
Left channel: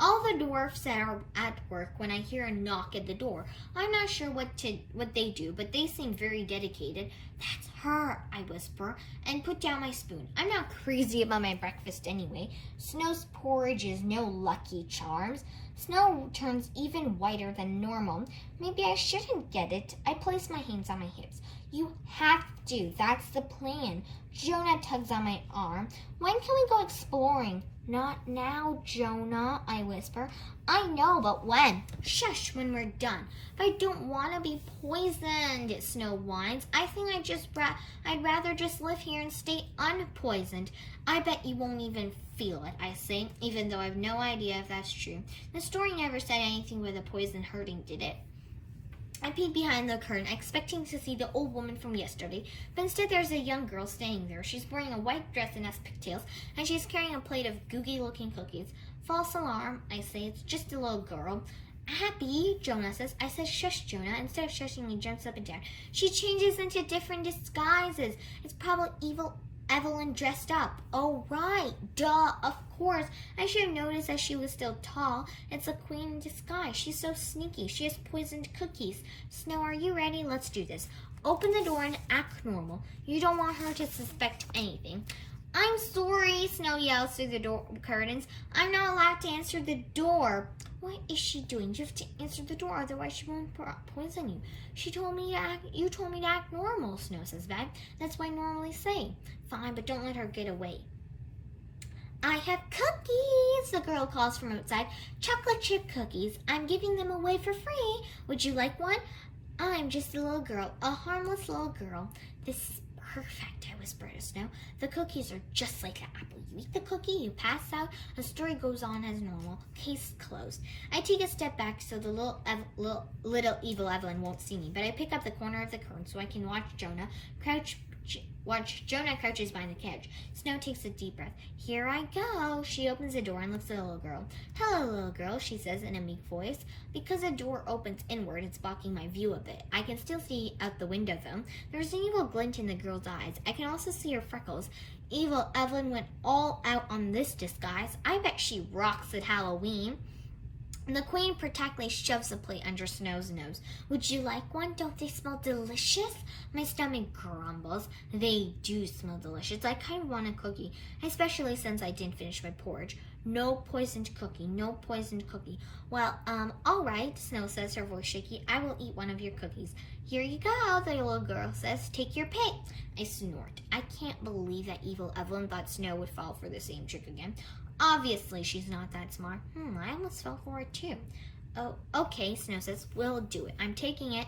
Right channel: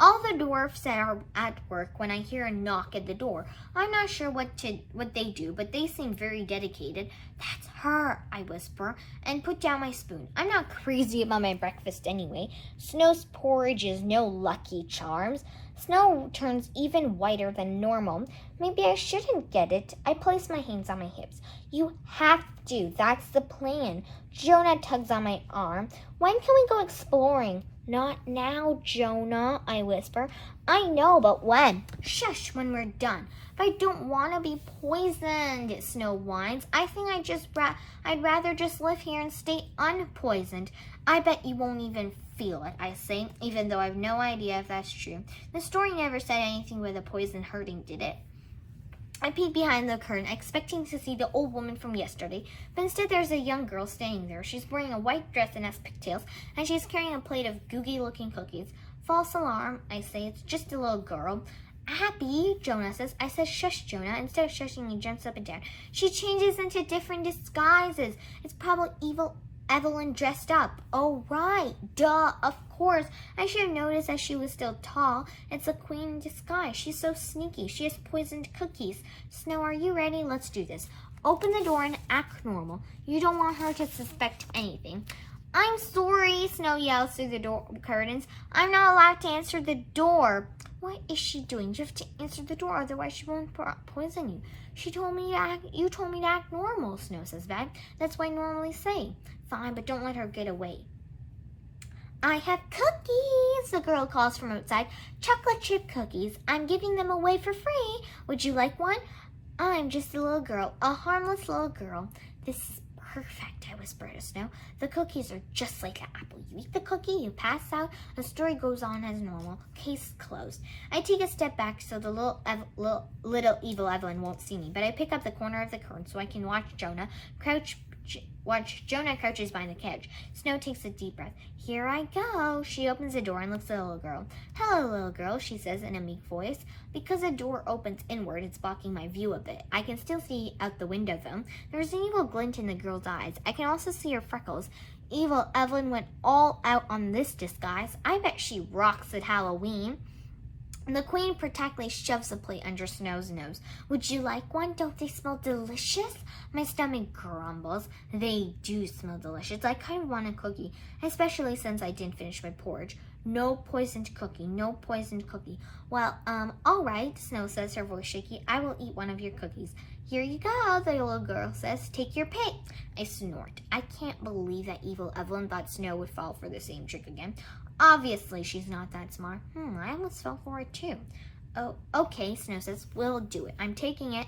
All the dwarfs are at work when I hear a knock at the door. I'm not sure what they do, but they seem very dedicated. That's her, I whisper, and put down my spoon. I'm not crazy about my breakfast anyway. Snow's porridge is no Lucky Charms. Snow turns even whiter than normal. Maybe I shouldn't get it. I place my hands on my hips. You have to. That's the plan. Jonah tugs on my arm. When can we go exploring? Not now, Jonah, I whisper. I know, but when? Shush, when we're done. If I don't want to be poisoned, Snow whines. I think I'd rather just live here and stay unpoisoned. I bet you won't even feel it, I say, even though I have no idea if that's true. The story never said anything with the poison hurting, did it? I peek behind the curtain, expecting to see the old woman from yesterday, but instead there's a young girl standing there. She's wearing a white dress and has pigtails, and she's carrying a plate of gooey-looking cookies. False alarm, I say. It's just a little girl. Abby, Jonah says. I said shush, Jonah. Instead of shushing, he jumps up and down. She changes into different disguises. It's probably evil Evelyn dressed up. Oh, right. Duh, of course. I should have noticed that she was still tall. It's a queen in disguise. She's so sneaky. She has poisoned cookies. Snow, are you ready? Let's do this. Open the door and act normal. You don't want her to suspect anything. I'm sorry, Snow yells through the door curtains. I'm not allowed to answer the door. What is she doing? You have to answer the door, otherwise she won't poison you. You told me to act normal, Snow says back. That's what I normally say. Fine, but don't let her get away. I have cookies, the girl calls from outside. Chocolate chip cookies. I'm giving them away for free. Would you like one? I'm just a little girl, a harmless little girl. This is perfect, I whisper to Snow. The cookies are just like an apple. You eat the cookie, you pass out, the story goes on as normal. Case closed. I take a step back so the little evil Evelyn won't see me, but I pick up the corner of the curtain so I can watch Jonah crouches behind the couch. Snow takes a deep breath. Here I go. She opens the door and looks at the little girl. Hello, little girl, she says in a meek voice. Because the door opens inward, it's blocking my view a bit. I can still see out the window, though. There's an evil glint in the girl's eyes. I can also see her freckles. Evil Evelyn went all out on this disguise. I bet she rocks at Halloween. The queen protectively shoves a plate under Snow's nose. Would you like one? Don't they smell delicious? My stomach grumbles. They do smell delicious. I kind of want a cookie, especially since I didn't finish my porridge. No poisoned cookie. No poisoned cookie. Well, all right, Snow says, her voice shaky. I will eat one of your cookies. Here you go, the little girl says. Take your pick. I snort. I can't believe that evil Evelyn thought Snow would fall for the same trick again. Obviously, she's not that smart. I almost fell for it too. Oh, okay, Snow says. We'll do it. I'm taking it.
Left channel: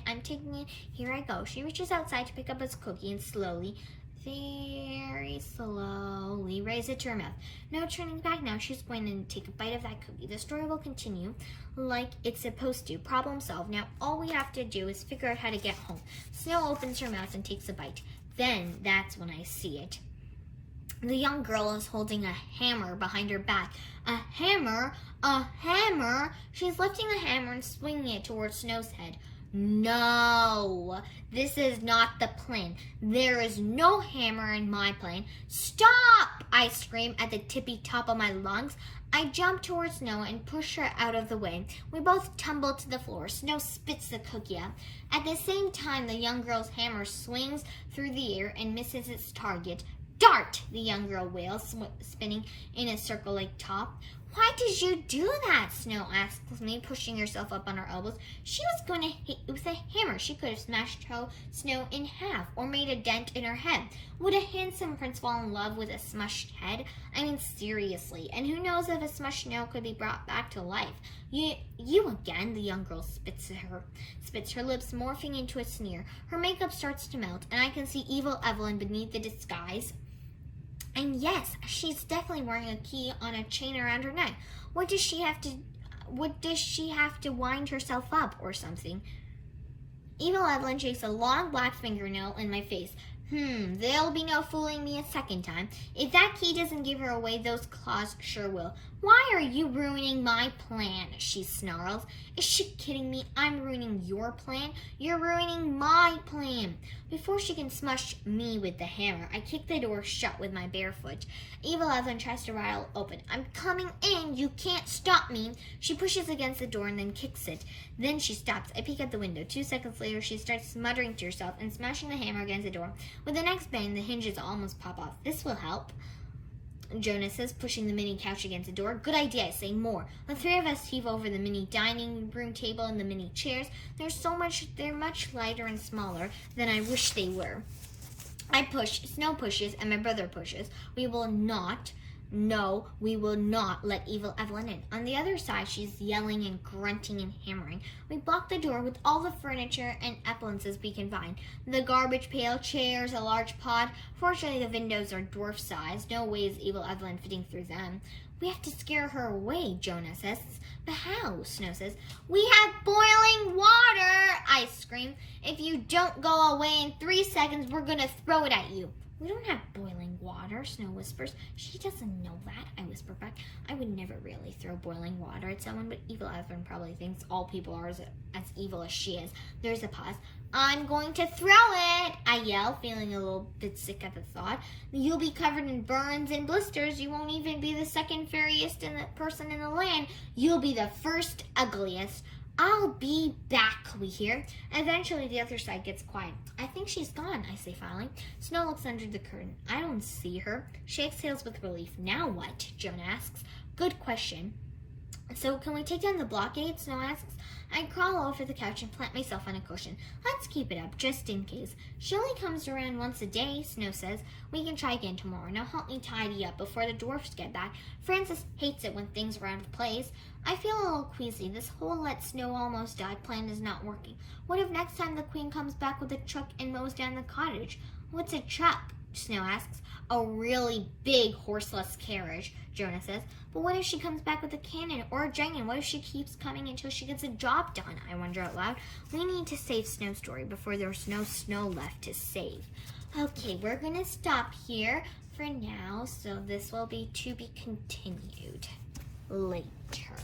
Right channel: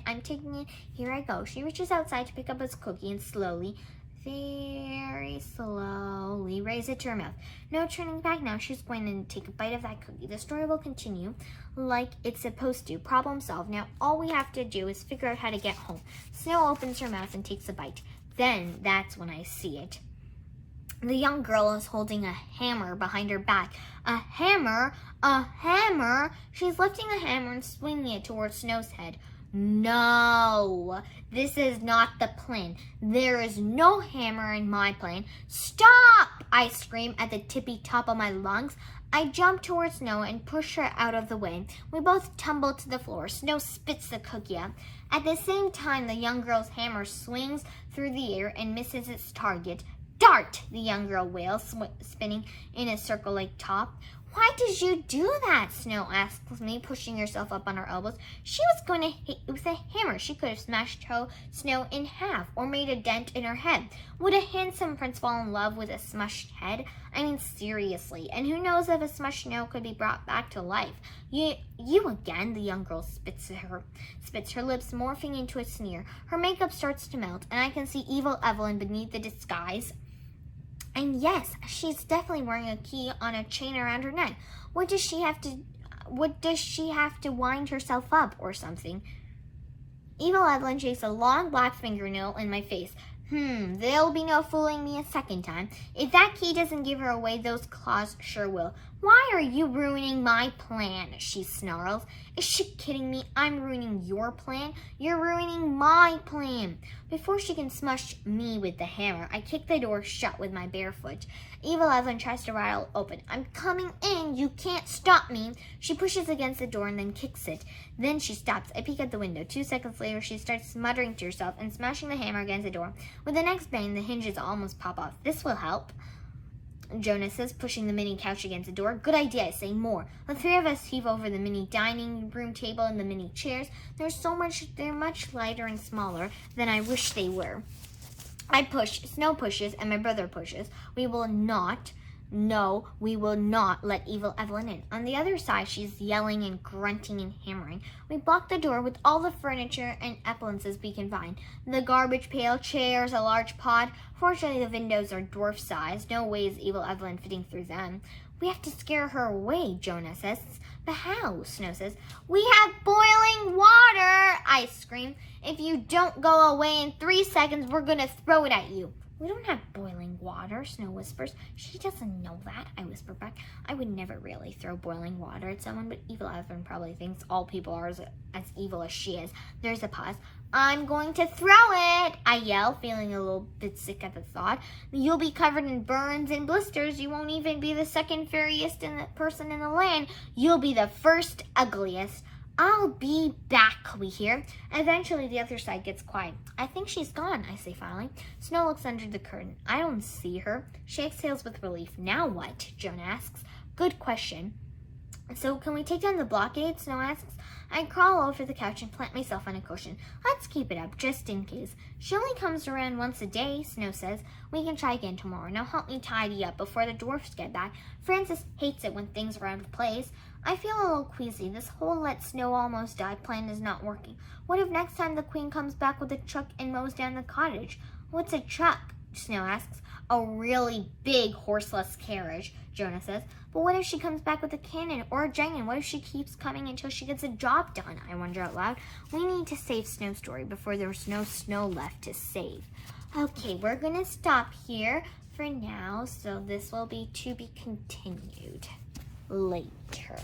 Here I go. She reaches outside to pick up his cookie and slowly, very slowly, raise it to her mouth. No turning back now. She's going to take a bite of that cookie. The story will continue like it's supposed to. Problem solved. Now, all we have to do is figure out how to get home. Snow opens her mouth and takes a bite. Then, that's when I see it. The young girl is holding a hammer behind her back. A hammer? A hammer? She's lifting the hammer and swinging it towards Snow's head. No, this is not the plan. There is no hammer in my plan. Stop! I scream at the tippy top of my lungs. I jump towards Snow and push her out of the way. We both tumble to the floor. Snow spits the cookie out. At the same time, the young girl's hammer swings through the air and misses its target. Dart! The young girl wails, spinning in a circle like top. Why did you do that? Snow asks me, pushing herself up on her elbows. She was going to hit you with a hammer. She could have smashed Snow in half or made a dent in her head. Would a handsome prince fall in love with a smushed head? I mean, seriously. And who knows if a smushed Snow could be brought back to life? You again, the young girl spits her lips, morphing into a sneer. Her makeup starts to melt, and I can see evil Evelyn beneath the disguise. And yes, she's definitely wearing a key on a chain around her neck. What does she have to wind herself up or something? Evil Evelyn shakes a long black fingernail in my face. There'll be no fooling me a second time. If that key doesn't give her away, those claws sure will. Why are you ruining my plan? She snarls. Is she kidding me? I'm ruining your plan? You're ruining my plan. Before she can smush me with the hammer, I kick the door shut with my bare foot. Evil Evelyn tries to rattle open. I'm coming in. You can't stop me. She pushes against the door and then kicks it. Then she stops. I peek at the window. 2 seconds later, she starts muttering to herself and smashing the hammer against the door. With the next bang, the hinges almost pop off. This will help, Jonah says, pushing the mini couch against the door. Good idea, I say. More. The 3 of us heave over the mini dining room table and the mini chairs. They're much lighter and smaller than I wish they were. I push, Snow pushes, and my brother pushes. We will not let evil Evelyn in. On the other side, she's yelling and grunting and hammering. We block the door with all the furniture and appliances we can find. The garbage pail, chairs, a large pod. Fortunately, the windows are dwarf size. No way is evil Evelyn fitting through them. We have to scare her away, Jonah says. But how? Snow says. We have boiling water, I scream. If you don't go away in 3 seconds, we're going to throw it at you. We don't have boiling water, Snow whispers. She doesn't know that, I whisper back. I would never really throw boiling water at someone, but evil Evelyn probably thinks all people are as evil as she is. There's a pause. I'm going to throw it, I yell, feeling a little bit sick at the thought. You'll be covered in burns and blisters. You won't even be the second fairiest person in the land. You'll be the first ugliest. I'll be back, we hear. Eventually, the other side gets quiet. I think she's gone, I say finally. Snow looks under the curtain. I don't see her. She exhales with relief. Now what? Jonah asks. Good question. So can we take down the blockade? Snow asks. I crawl over the couch and plant myself on a cushion. Let's keep it up, just in case. She only comes around once a day, Snow says. We can try again tomorrow. Now help me tidy up before the dwarfs get back. Francis hates it when things are out of place. I feel a little queasy. This whole let Snow almost die plan is not working. What if next time the queen comes back with a truck and mows down the cottage? What's a truck? Snow asks. A really big horseless carriage, Jonah says. But what if she comes back with a cannon or a dragon? What if she keeps coming until she gets a job done? I wonder out loud. We need to save Snow Story before there's no snow left to save. Okay, we're going to stop here for now. So this will be to be continued later.